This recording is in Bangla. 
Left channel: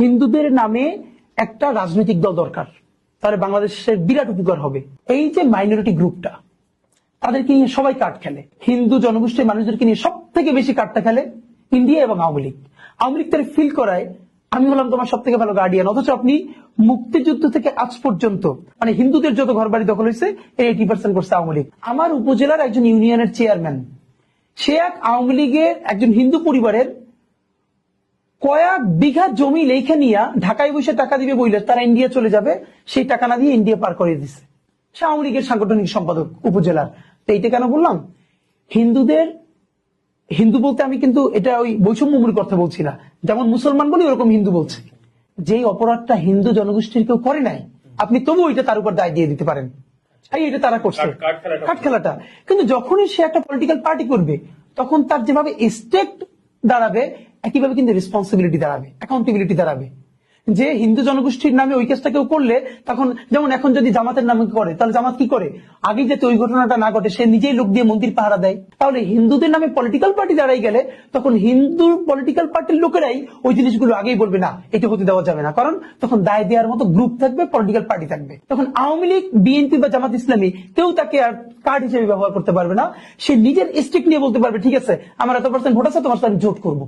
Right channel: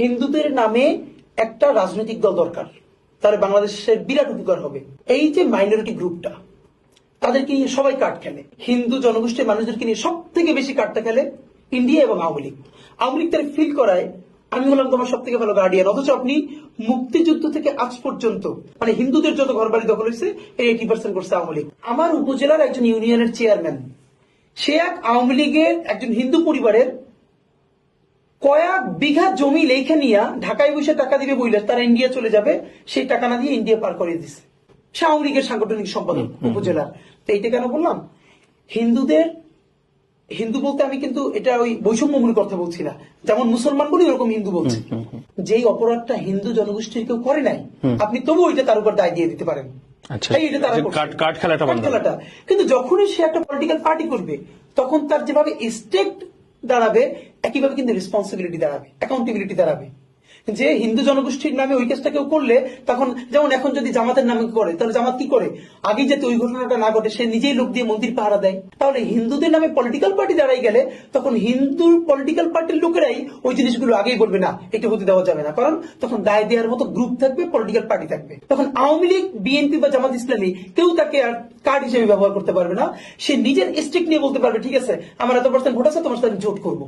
হিন্দুদের নামে একটা রাজনৈতিক দল দরকার, তাহলে বাংলাদেশের বিরাট উপকার হবে। এই যে মাইনরিটি গ্রুপটা, তাদেরকে নিয়ে সবাই কার্ড খেলে। হিন্দু জনগোষ্ঠীর মানুষদেরকে নিয়ে সব থেকে বেশি কার্ডটা খেলে ইন্ডিয়া এবং আওয়ামী লীগ। আওয়ামী লীগ তারা ফিল করায় আমি হলাম তোমার সব থেকে ভালো গার্ডিয়ান, অথচ আপনি মুক্তিযুদ্ধ থেকে আজ পর্যন্ত মানে হিন্দুদের যত ঘর বাড়ি দখল হয়েছে এর 80% করছে আওয়ামী লীগ। আমার উপজেলার একজন ইউনিয়নের চেয়ারম্যান, সে এক আওয়ামী লীগের একজন হিন্দু পরিবারের কয়েক বিঘা জমি লেখে নিয়ে ঢাকায় বসে টাকা দিবে বইলে তারা ইন্ডিয়া চলে যাবে, সেই টাকা না দিয়ে ইন্ডিয়া পার করে দিচ্ছে। সে আওয়ামী লীগের সাংগঠনিক সম্পাদক উপজেলার। তো এইটা কেন বললাম? হিন্দু বলতে আমি কিন্তু এটা ওই বৈষম্যমূলক কথা বলছি না, যেমন মুসলমান বলি ওরকম হিন্দু বলছি। যেই অপরাধটা হিন্দু জনগোষ্ঠীর কেউ করে নাই, আপনি তবু ওইটা তার উপর দায় দিয়ে দিতে পারেন। এটা তারা করছে, কার্ড খেলাটা। কিন্তু যখনই সে একটা পলিটিক্যাল পার্টি করবে, তখন তার যেভাবে স্টেট দাঁড়াবে, একইভাবে কিন্তু রেসপন্সিবিলিটি দাঁড়াবে, অ্যাকাউন্টেবিলিটি দাঁড়াবে। যে হিন্দু জনগোষ্ঠীর নামে ওই কাজটা কেউ করলে, তখন যেমন এখন যদি জামাতের নামে করে, তাহলে জামাত কি করে? আগে যাতে ওই ঘটনাটা না ঘটে সে নিজেই লোক দিয়ে মন্দির পাহারা দেয়। তাহলে হিন্দুদের নামে পলিটিক্যাল পার্টি দাঁড়াই গেলে তখন হিন্দু পলিটিক্যাল পার্টির লোকেরাই ওই জিনিসগুলো আগেই বলবে না এটা হতে দেওয়া যাবে না, কারণ তখন দায় দেওয়ার মতো গ্রুপ থাকবে, পলিটিক্যাল পার্টি থাকবে। তখন আওয়ামী লীগ, বিএনপি বা জামাত ইসলামী কেউ তাকে আর কার্ড হিসেবে ব্যবহার করতে পারবে না। সে নিজের স্টেক নিয়ে বলতে পারবে ঠিক আছে আমার এত % ভোট আছে, তোমার সাথে জোট করবো।